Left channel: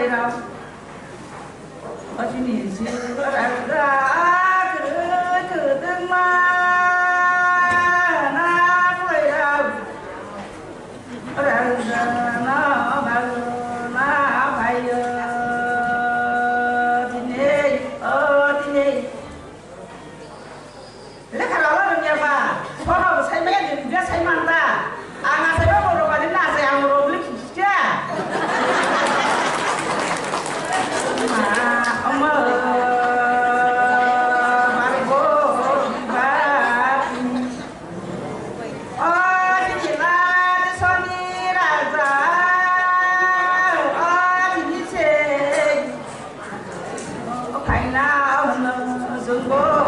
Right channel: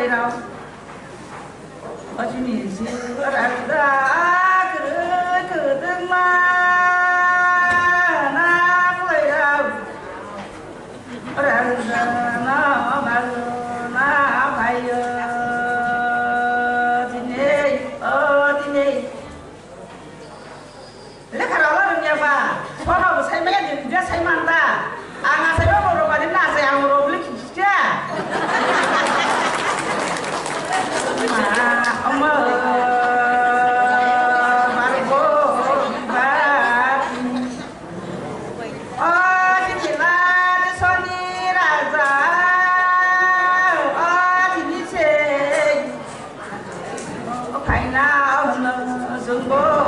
vậy đâu ở trên nhìn gì có ra cứ từng mà na vậy đâu ở đây nó mà na phải Lek kalau orang yang apa? Kalau saya main dia saya mantap. Anak saya mau roba dia nak saya mau roba dia. Oma maribo bat. Oh cicila di soni raza. Oh cicil. Oh kaina zumbo.